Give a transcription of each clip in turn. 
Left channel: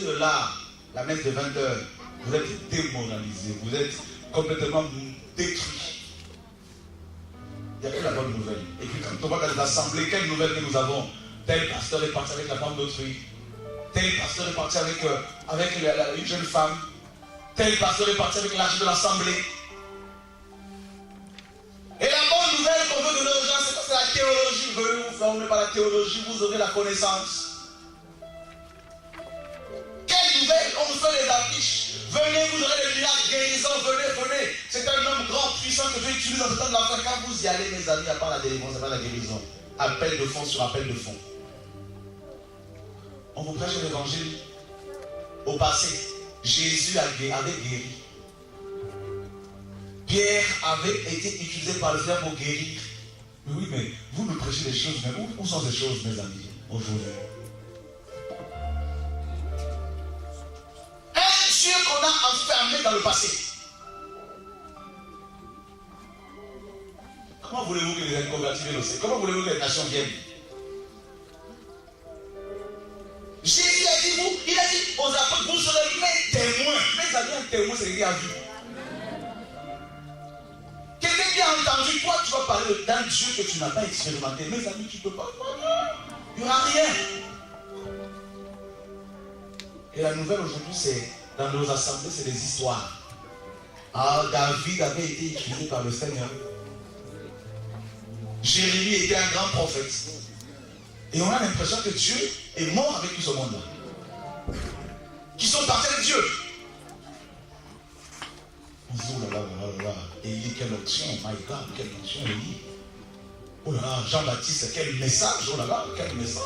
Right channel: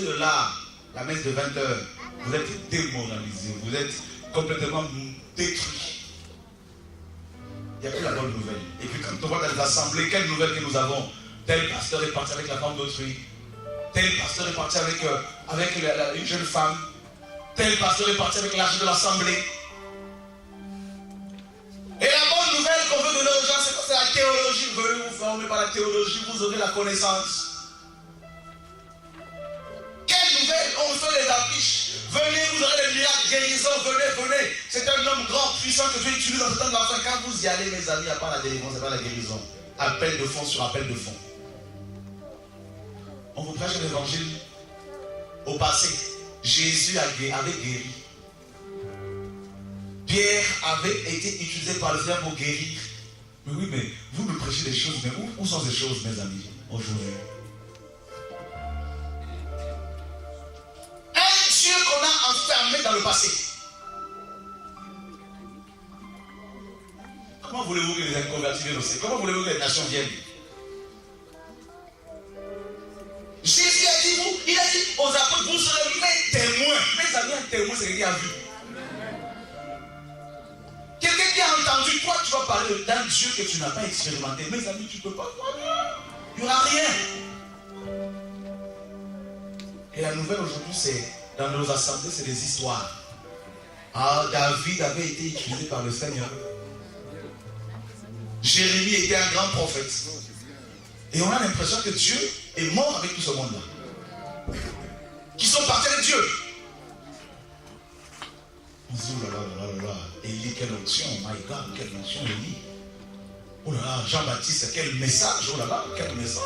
de là, la messe de 20h, vous êtes démoralisés, vous êtes complètement détruits. Il n'y a que la bonne nouvelle. Et puis quand on voit dans les assemblées, quelle nouvelle que nous avons? Tel pasteur est parti avec la femme d'autrui. Tel pasteur est parti avec une jeune femme. Tel pasteur est parti avec l'argent de l'assemblée. Et la bonne nouvelle qu'on veut donner aux gens, c'est que c'est la théologie. Vous venez vous former par la théologie, vous aurez la connaissance. Quelle nouvelle? On fait les affiches. Venez, vous aurez les miracles, guérisons, venez. C'est un homme grand, puissant que Dieu utilise dans ce temps de l'enfant. Quand vous y allez, mes amis, il n'y a pas la délivrance, il n'y a pas la guérison. Appel de fond sur appel de fond. On vous prêche l'évangile. Au passé, Jésus avait guéri. Pierre avait été utilisé par le Seigneur pour guérir. Mais oui, mais vous me prêchez des choses, mais où sont ces choses, mes amis, aujourd'hui? Un Dieu qu'on a enfermé dans le passé. Comment voulez-vous que les inconvertis viennent au Seigneur? Comment voulez-vous que les nations viennent? Jésus a dit, il a dit aux apôtres, vous serez mes témoins. Mes amis, un témoin, c'est quelqu'un qui a vu. Quelqu'un qui a entendu, toi tu vas parler d'un Dieu que tu n'as pas expérimenté. Mes amis, tu ne peux pas. Il n'y aura rien. Et la nouvelle aujourd'hui, c'est dans nos assemblées, c'est des histoires. Ah, David avait été utilisé par le Seigneur. Jérémie était un grand prophète. Et on a l'impression que Dieu est mort avec tout ce monde-là. Qui sont partis avec Dieu. On se dit, oh là là, Élie, quelle onction, my God, quelle onction, Élie. Oh là là, Jean-Baptiste, quel message, oh là là, quel message.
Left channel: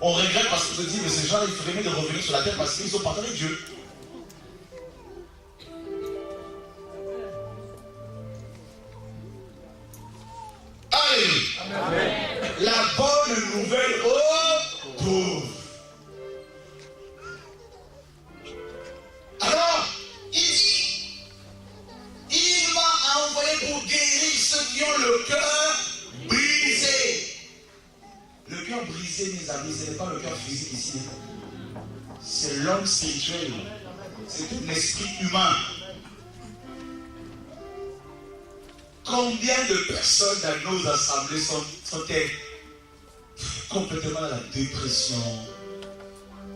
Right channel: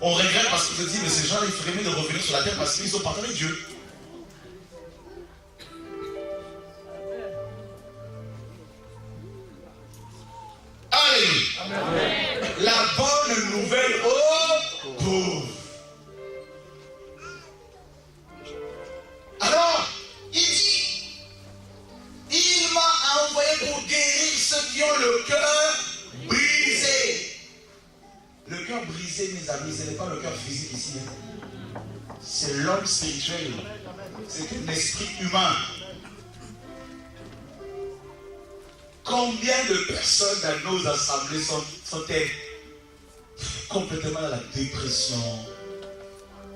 On regrette parce qu'on se dit, mais ces gens, il ferait mieux de revenir sur la terre parce qu'ils sont partis avec Dieu. Alléluia. La bonne nouvelle aux pauvres. Alors, il dit, il m'a envoyé pour guérir ceux qui ont le cœur brisé. Le cœur brisé, mes amis, ce n'est pas le cœur physique ici. C'est l'homme spirituel. C'est un esprit humain. Combien de personnes dans nos assemblées sont-elles complètement dans la dépression,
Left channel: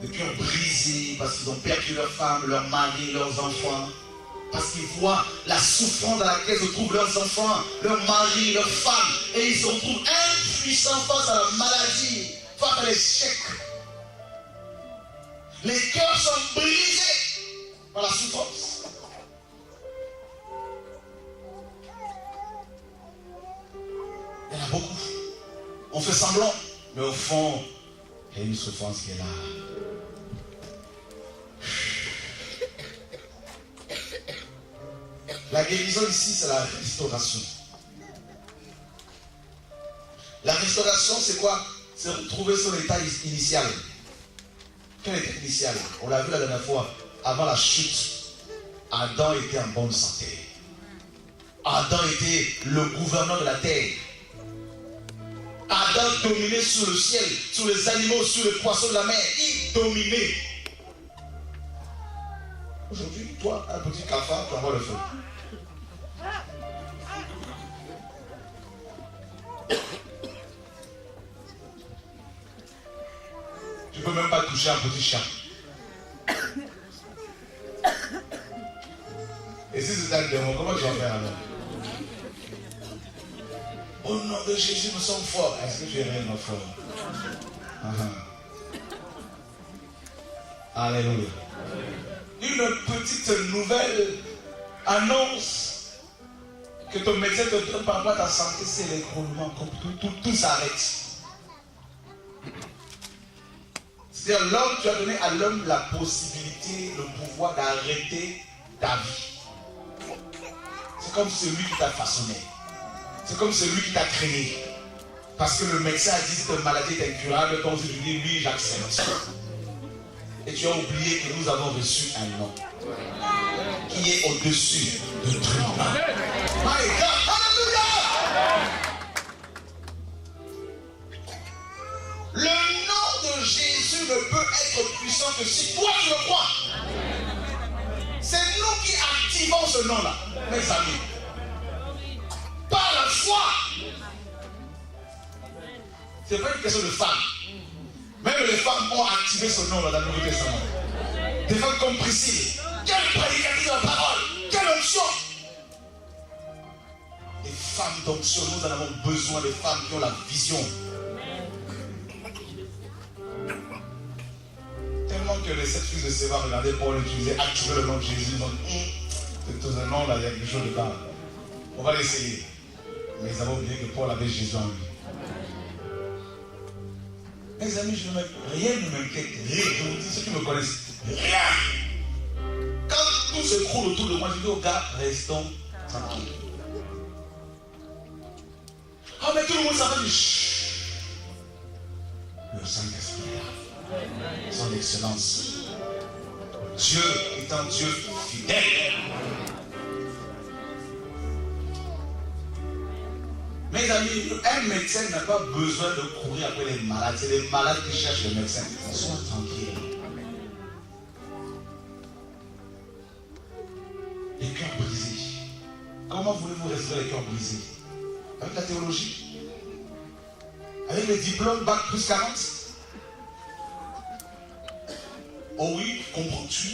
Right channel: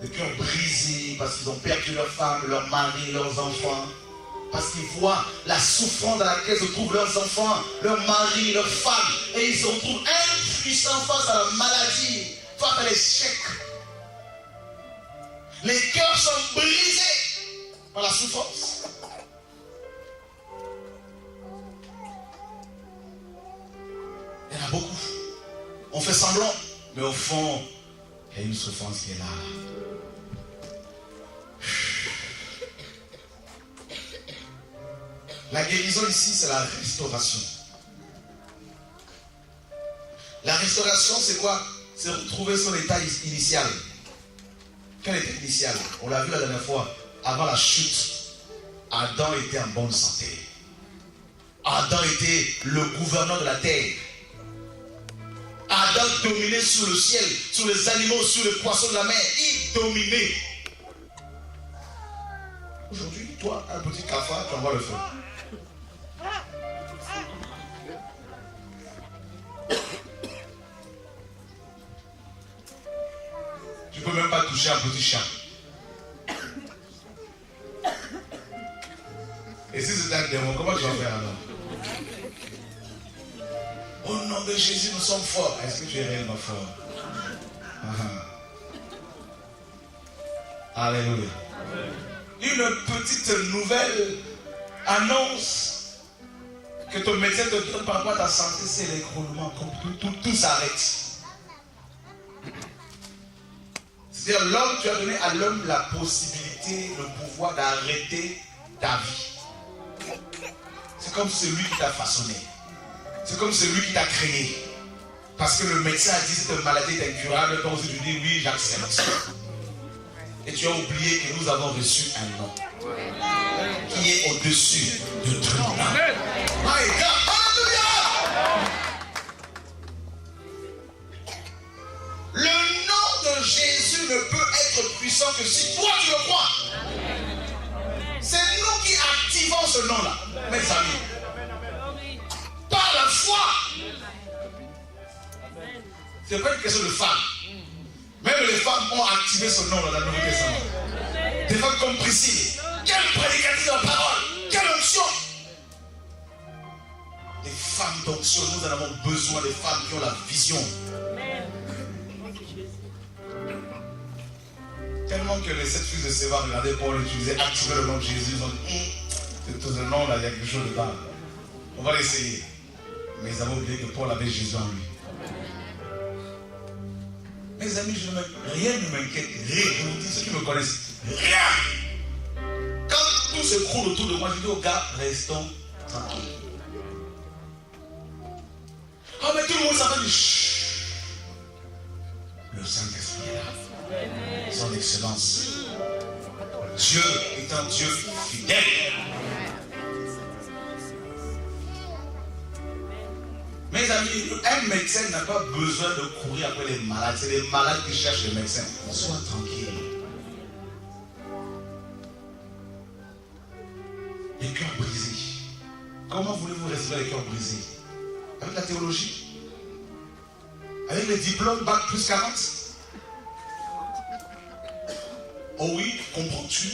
le cœur brisé parce qu'ils ont perdu leur femme, leur mari, leurs enfants, parce qu'ils voient la souffrance dans laquelle se trouvent leurs enfants, leurs maris, leurs femmes, et ils se retrouvent impuissants face à la maladie, face à l'échec. Les cœurs sont brisés par la souffrance. Il y en a beaucoup. On fait semblant, mais au fond, il y a une souffrance qui est là. La guérison ici, c'est la restauration. La restauration, c'est quoi? C'est retrouver son état initial. Quel état initial? On l'a vu la dernière fois. Avant la chute, Adam était en bonne santé. Adam était le gouverneur de la terre. Adam dominait sur le ciel, sur les animaux, sur les poissons de la mer. Il dominait. Aujourd'hui, toi, un petit cafard, tu envoies le feu. Tu ne peux même pas toucher un petit chat. Et si c'est un démon, comment tu vas faire alors? Au nom de Jésus, nous sommes forts. Est-ce que tu es réellement fort? Alléluia. Une petite nouvelle annonce que ton médecin te donne par rapport à ta santé, c'est l'écroulement. Tout s'arrête. C'est-à-dire, l'homme, tu as donné à l'homme la possibilité, le pouvoir d'arrêter ta vie. C'est comme celui qui t'a façonné. C'est comme celui qui t'a créé. Parce que le médecin a dit que cette maladie est incurable. Toi aussi tu dis oui, j'accepte. Et tu as oublié que nous avons reçu un nom qui est au-dessus de tout nom. My God, alléluia! Le nom de Jésus ne peut être puissant puissant que si toi tu le crois. C'est nous qui activons ce nom-là, mes amis. Par la foi. Ce n'est pas une question de femmes. Même les femmes ont activé ce nom-là dans le Nouveau Testament. Des femmes comme Priscille. Quelle prédicatrice de la parole. Quelle onction. Des femmes d'onction. Nous en avons besoin, des femmes qui ont la vision. Tellement que les 7 fils de Séva regardaient Paul utiliser, activer le nom de Jésus. Ils ont dit, c'est tout un nom là, il y a quelque chose dedans. On va l'essayer. Mais ils avaient oublié que Paul avait Jésus en lui. Mes amis, rien ne m'inquiète. Rien. Je vous dis, ceux qui me connaissent, rien. Quand tout se croule autour de moi, je dis aux gars, restons tranquilles. Oh, mais tout le monde s'appelle du chut. Le Saint-Esprit est là. Son excellence. Dieu est un Dieu fidèle. Mes amis, un médecin n'a pas besoin de courir après les malades. C'est les malades qui cherchent les médecins. Sois tranquille. Les cœurs brisés. Comment voulez-vous restaurer les cœurs brisés? Avec la théologie? Avec les diplômes bac plus 40? Oh oui, comprends-tu?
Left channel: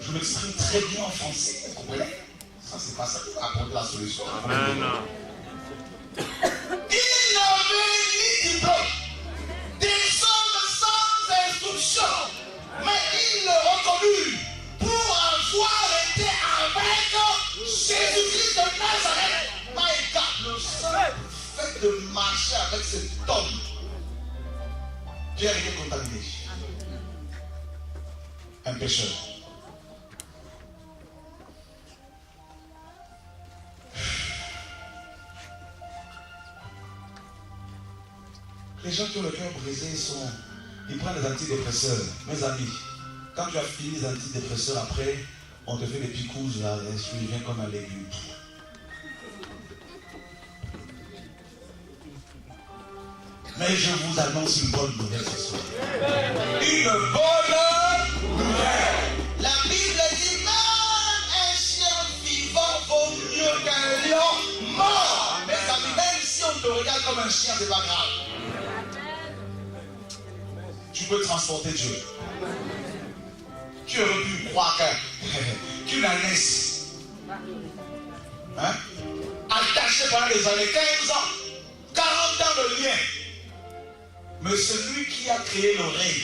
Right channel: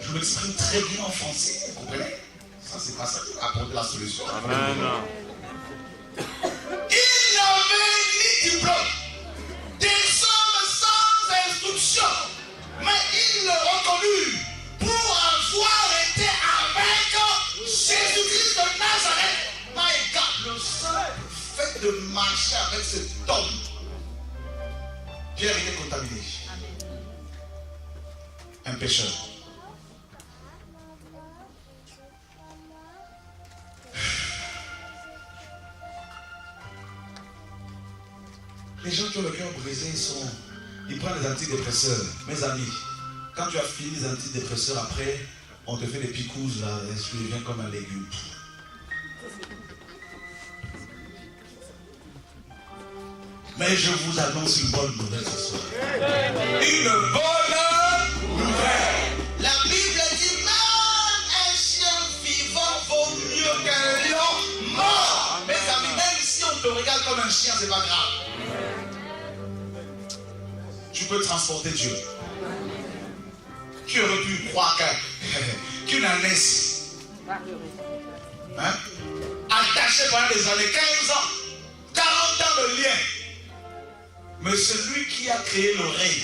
Je m'exprime très bien en français. Vous comprenez? Ça, c'est pas ça qui va apporter la solution. Il n'avait ni diplôme, des hommes sans instruction, mais il le reconnut pour avoir été avec Jésus-Christ de Nazareth. My God, le simple fait de marcher avec cet homme, Pierre était contaminé. Un pécheur. Les gens qui ont le cœur brisé, ils prennent des antidépresseurs. Mes amis, quand tu as fini les antidépresseurs, après, on te fait des picouzes, là, tu deviens comme un légume. Mais je vous annonce une bonne nouvelle ce soir. Une bonne nouvelle. La Bible dit même un chien vivant vaut mieux qu'un lion mort. Mes amis, même si on te regarde comme un chien, c'est pas grave. Tu peux transporter Dieu. Qui aurait pu croire qu'une ânesse, hein, attachée pendant des années, 15 ans, 40 ans de lien. Mais celui qui a créé l'oreille,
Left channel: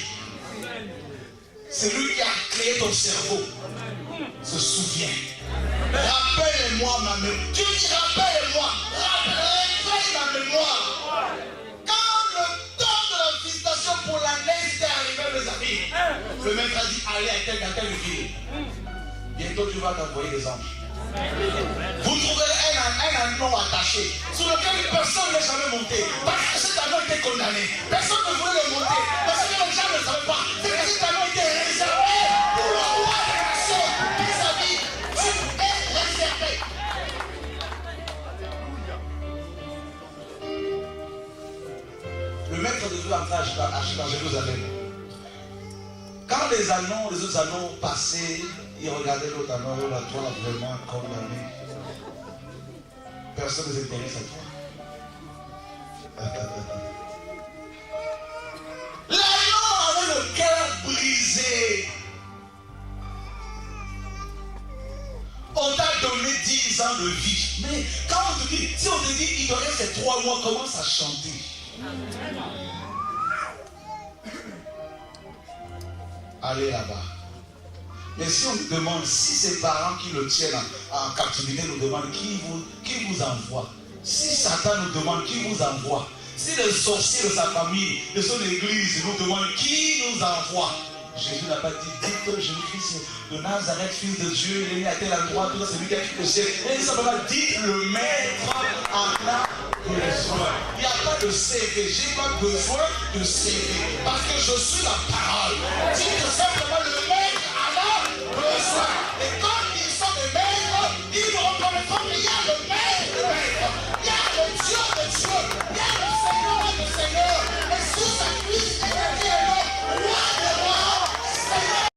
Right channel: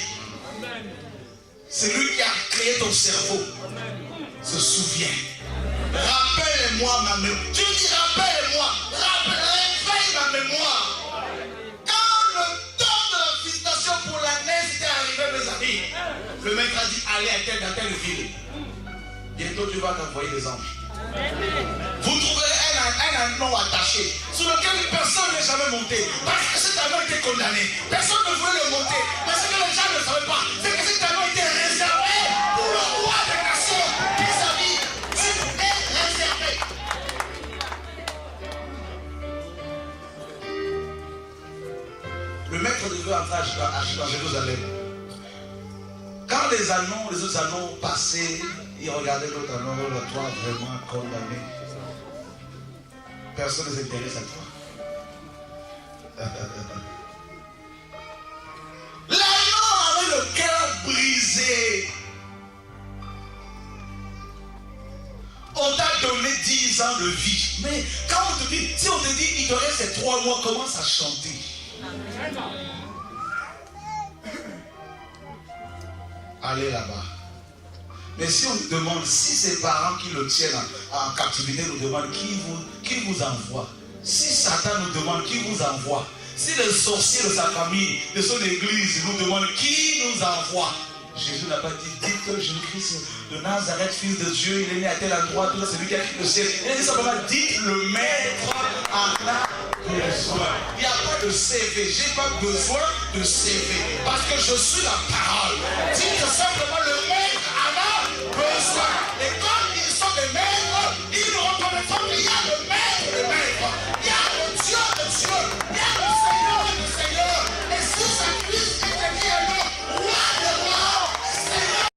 celui qui a créé ton cerveau, se souvient. Rappelle-moi ma mémoire. Tu dis rappelle-moi. Réveille ma mémoire. Quand le temps de la visitation pour l'année était arrivé, mes amis, le maître a dit allez à telle ville. Bientôt tu vas t'envoyer des anges. Vous trouverez un anneau attaché sur lequel personne n'est jamais monté. Parce que cet anneau était condamné. Personne ne voulait le monter. Parce que les gens ne savaient pas. C'est que cet anneau était réservé pour le roi des nations. Mes amis, tu es réservé. Le maître devait entrer à Jérusalem. Quand les autres anneaux passaient, ils regardaient l'autre anneau, la toi vraiment condamné. Personne ne s'intéresse à toi. L'anneau avait le cœur brisé. On t'a donné 10 ans de vie. Mais quand on te dit, si on te dit, il te reste ces 3 mois, commence à chanter. Allez là-bas. Mais si on nous demande, si ses parents qui le tiennent en captivité nous demandent qui vous envoie, si Satan nous demande qui vous envoie, si le sorcier de sa famille, de son église nous demande qui nous envoie, Jésus n'a pas dit, dites que Jésus-Christ de Nazareth, fils de Dieu, il est né à tel endroit, tout ça, c'est lui qui a quitté le ciel. Il dit simplement, dites le maître en a besoin. Il n'y a pas de CV, j'ai pas besoin de CV, parce que je suis la parole. Dites simplement